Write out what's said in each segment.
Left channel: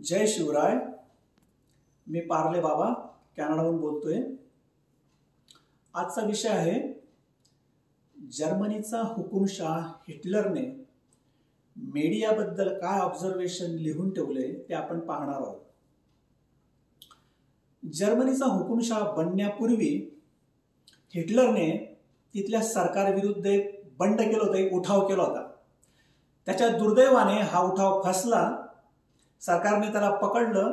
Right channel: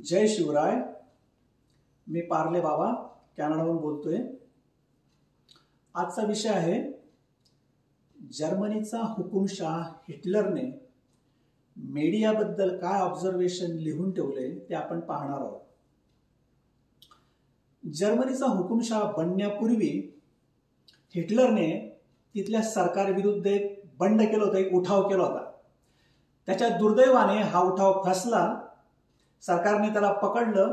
जय शिवराय. मी पार्ले बाबा कॅनडाहून बोलतोय. आजचा विषय आहे जर्मनीचा हुकुमशाह हिटलरने मीडियाबद्दल काय ऑब्झर्वेशन लिहून ठेवले ते आपण पाहणार आहोत. जर्मनीचा हुकुमशाह बनण्यापूर्वी हिटलरने तिथल्या सरकारविरुद्ध एक बंड केला होता, एक उठाव केला होता. त्याच्या दुर्दैवाने हा उठाव फसला. सरकारने त्याला पकडलं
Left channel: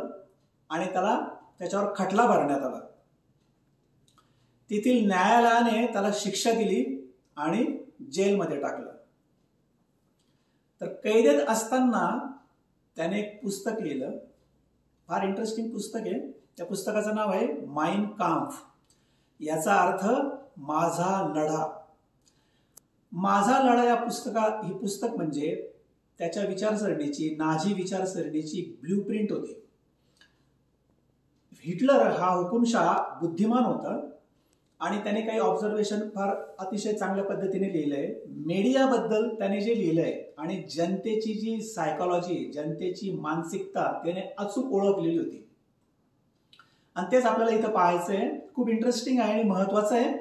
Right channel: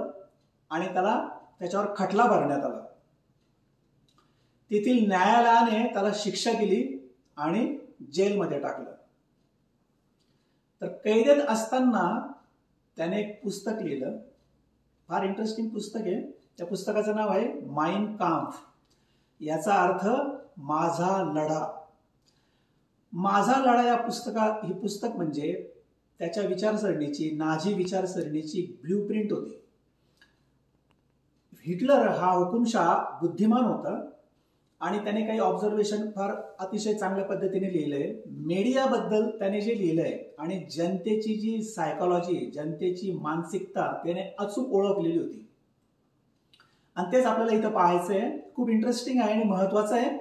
आणि त्याच्यावर खटला भरण्यात आला. तेथील न्यायालयाने त्याला शिक्षा दिली आणि जेलमध्ये टाकलं. तर कैदेत असताना त्याने एक पुस्तक लिहिलं. फार इंटरेस्टिंग पुस्तक आहे. त्या पुस्तकाचं नाव आहे माइन काम्फ. याचा अर्थ माझा लढा. माझा लढा या ही पुस्तक म्हणजे त्याच्या विचारसरणीची, नाझी विचारसरणीची ब्ल्यूप्रिंट होती. हिटलर हा हुकुमशाह बुद्धिमान होता आणि त्याने काही ऑब्झर्वेशन फार अतिशय चांगल्या पद्धतीने लिहिलंय. मीडियाबद्दल त्याने जे लिहिलंय आणि जनतेची जी सायकोलॉजी, जनतेची मानसिकता त्याने अचूक ओळखलेली होती. आणि तेच आपल्याला इथं पाहायचंय. खूप इंटरेस्टिंग आहे आणि महत्वाचं आहे.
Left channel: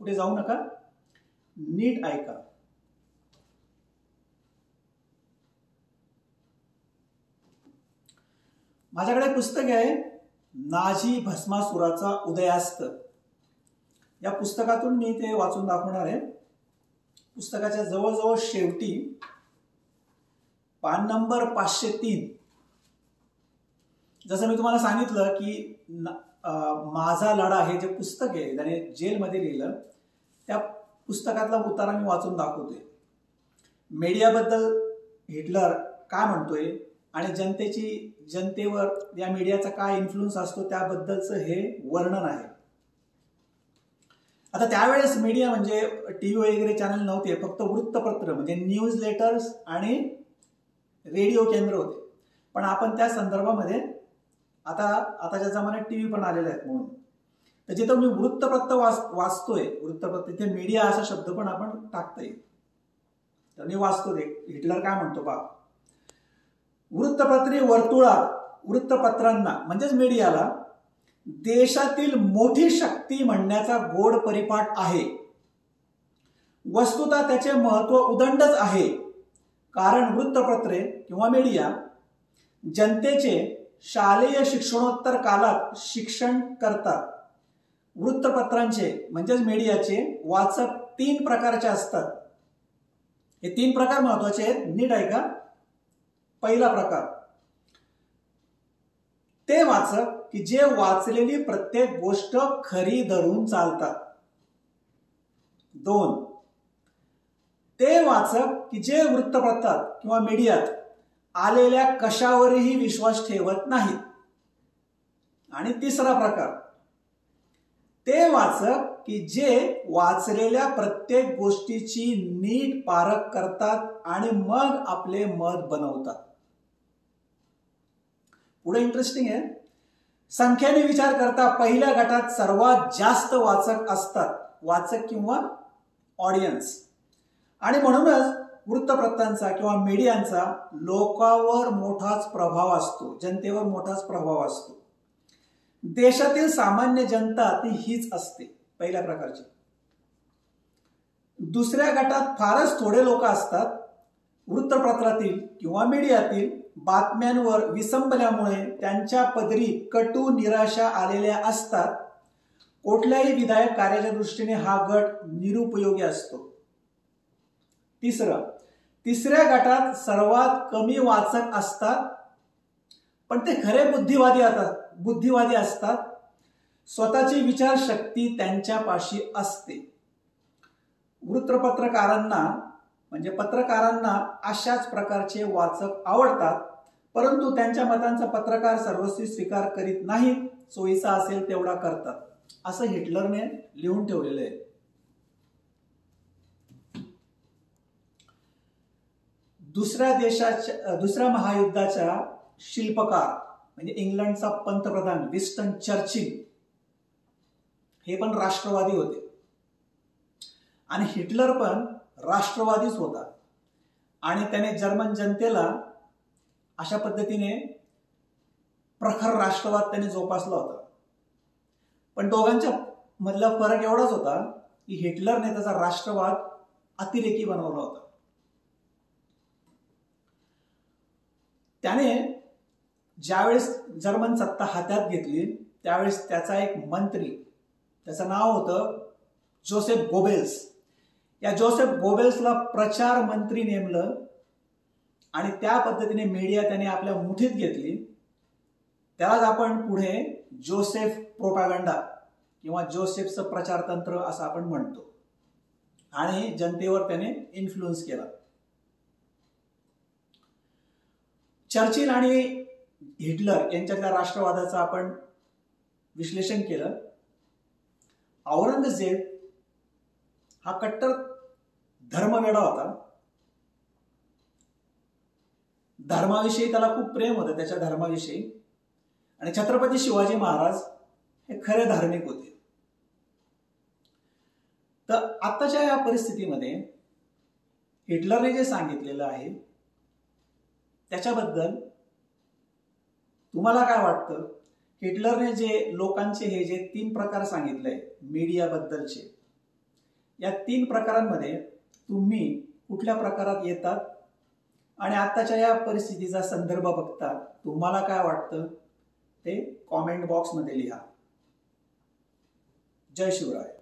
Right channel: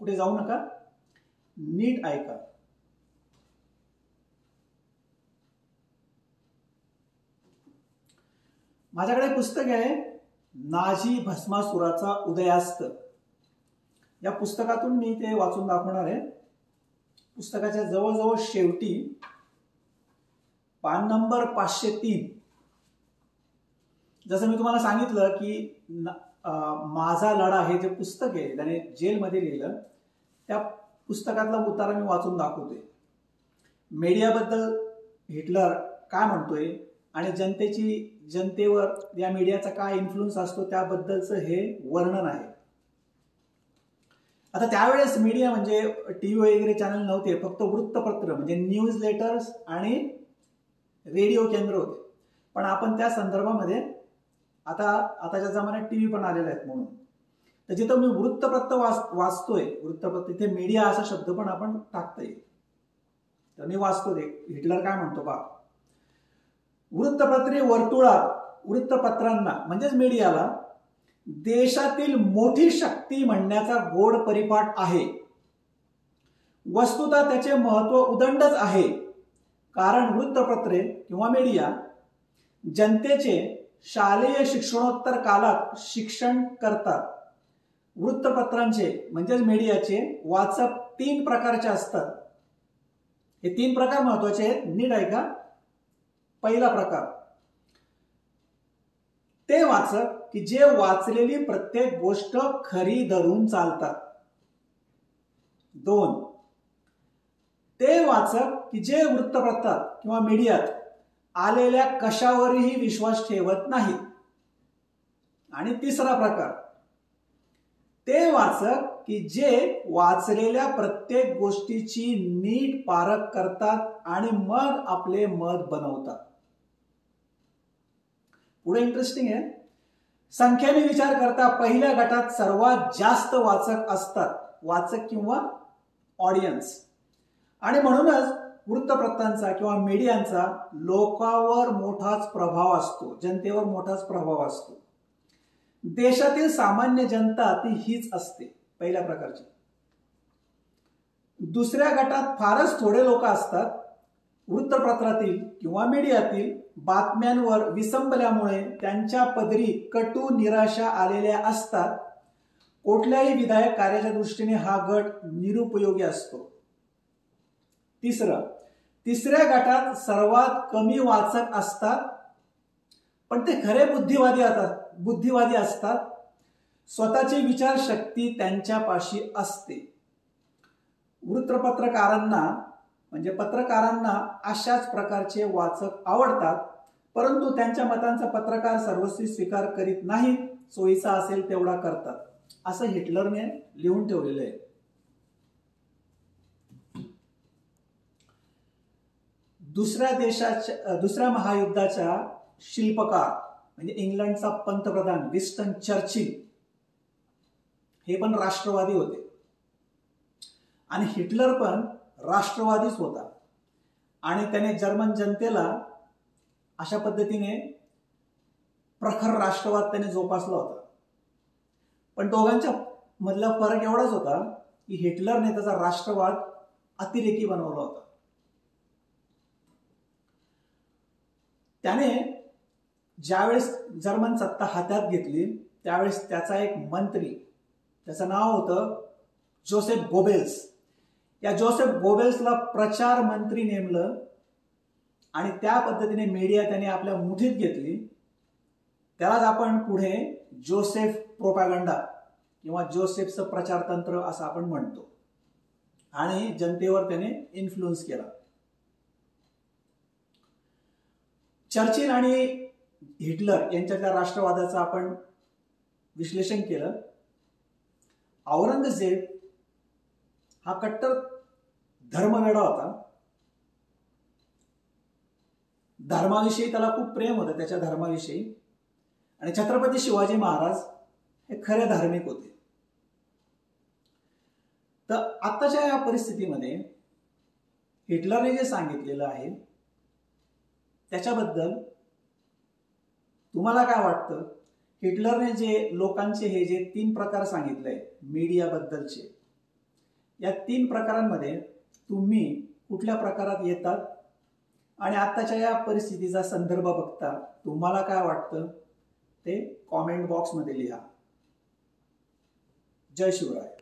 कुठे जाऊ नका, नीट ऐका. माझ्याकडे पुस्तक आहे नाझी भस्मासुराचा उदयास्त. या पुस्तकातून मी ते वाचून दाखवणार आहे. पुस्तकाच्या जवळजवळ शेवटी पान नंबर 503, जसं मी तुम्हाला सांगितलं की माझा लढा हे जे पुस्तक आहे त्याने जेलमध्ये लिहिलं, त्या पुस्तकातला उतारा मी वाचून दाखवतोय. मीडियाबद्दल हिटलर काय म्हणतोय आणि जनतेवर या मीडियाचा काय इन्फ्लुएन्स असतो त्याबद्दलचं हे वर्णन आहे. आता त्यावेळेस मीडिया म्हणजे टीव्ही वगैरे चॅनल नव्हते, फक्त वृत्तपत्र म्हणजे न्यूज लेटर्स आणि रेडिओ केंद्र होते. पण आपण त्या संदर्भामध्ये आताच्या जमान्यात टीव्ही पण आलेले आहेत. म्हणून तर जिथं मी वृत्तपत्र वाचतोय, वृत्तपत्र तिथे मीडिया असा शब्द पण आपण टाकता येईल. तर मी वाचतो हिटलर काय म्हणतो पहा. वृत्तपत्रे वर्तुळात वृत्तपत्रांना म्हणजेच मीडियाला देशातील मोठी शक्ती म्हणण्याचा गोड परिपाठ आहे. वस्तुतः त्याचे महत्व उदंडच आहे. कारण वृत्तपत्रे किंवा मीडिया जनतेचे शालेय शिक्षणोत्तर कालात शिक्षण करतात. वृत्तपत्रांचे म्हणजेच मीडियाचे वाचक 3 प्रकारचे असतात. हे 3 प्रकार महत्वाचे आहेत, नीट ऐका. पहिला प्रकार ते वाचक की जे वाचलेली प्रत्येक गोष्ट खरी धरून चालतात. 2 ते वाचक की जे वृत्तपत्रात किंवा मीडियात आलेल्या कशावरही विश्वास ठेवत नाहीत. आणि तिसरा प्रकार ते वाचक की जे वाचलेल्या प्रत्येक गोष्टीची नीट पारख करतात आणि मग आपले मत बनवतात. पुढे इंटरेस्टिंग आहे. संख्येने विचार करता पहिल्या गटात सर्वात जास्त वाचक असतात, वाचक किंवा ऑडियन्स. आणि म्हणूनच वृत्तपत्रांचा किंवा मीडियांचा लोकांवर मोठाच प्रभाव असतो, जनतेवर मोठाच प्रभाव असतो. देशातील सामान्य जनता ती हीच असते, पहिल्या प्रकारची. दुसऱ्या गटात फारच थोडे लोक असतात. वृत्तपत्रातील किंवा मीडियातील बातम्यांवर विसंबल्यामुळे त्यांच्या पदरी कटू निराशा आलेल्या असतात. कुठल्याही विधायक कार्याच्या दृष्टीने हा गट निरुपयोगी असतो. तिसऱ्या गटात सर्वात कमी वाचक असतात, पण ते खरे बुद्धिवादी असतात. स्वतःची विचारशक्ती त्यांच्यापाशी असते. पत्रकारांना अशाच प्रकारचे वाचक आवडतात, परंतु त्यांच्या मतांचा पत्रकार सर्वस्वी स्वीकार करीत नाहीत, सोयीचा असेल तेवढा करतात, असं हिटलरने लिहून ठेवलेलं आहे. दुसऱ्या महायुद्धाच्या शिल्पकार म्हणजे इंग्लंडचा पंतप्रधान विन्स्टन चर्चिल हे पण राष्ट्रवादी होते आणि हिटलर पण राष्ट्रवादीच होता. आणि त्याने जर्मन जनतेला अशा पद्धतीने प्रखर राष्ट्रवाद त्याने जोपासला होता. पण दोघांच्या मधला फरक एवढाच होता की हिटलरने त्याचा राष्ट्रवाद अतिरेकी बनवला होता. त्याने ज्यावेळेस जर्मन सत्ता हातात घेतली त्यावेळेस त्याचा एक मंत्री, त्याचं नाव होतं जोसेफ गोबेल्स. या जोसेफ गोबेल्सला प्रचार मंत्री नेमलं आणि त्या पद्धतीने मीडिया त्याने आपल्या मुठीत घेतली. त्यालाच आपण पुढे जोसेफ प्रोपॅगंडा किंवा जोसेफचं प्रचारतंत्र असं आपण म्हणतो. आणि जनतेवर त्याने इन्फ्लुएन्स केला. चर्चिल आणि हिटलर यांच्यातल्या राष्ट्रवादाचं आपण विश्लेषण केलं. औरंगजेब हा कट्टर धर्मवेडा होता. धर्माविषयी त्याला खूप प्रेम होतं, त्याच्या धर्माविषयी. आणि छत्रपती शिवाजी महाराज हे खरे धार्मिक होते. तर आताच्या या परिस्थितीमध्ये हिटलरने जे सांगितलेलं आहे त्याच्याबद्दल तुम्हाला काय वाटतं? हिटलरने जे लोकांचे हे जे 3 प्रकार सांगितले मीडिया बद्दलचे, या 3 प्रकारांमध्ये तुम्ही कुठल्या प्रकारात येतात आणि आताच्या या परिस्थितीचा संदर्भ बघता तुम्हाला काय वाटतं ते कॉमेंट बॉक्समध्ये लिहा. जय शिवराय.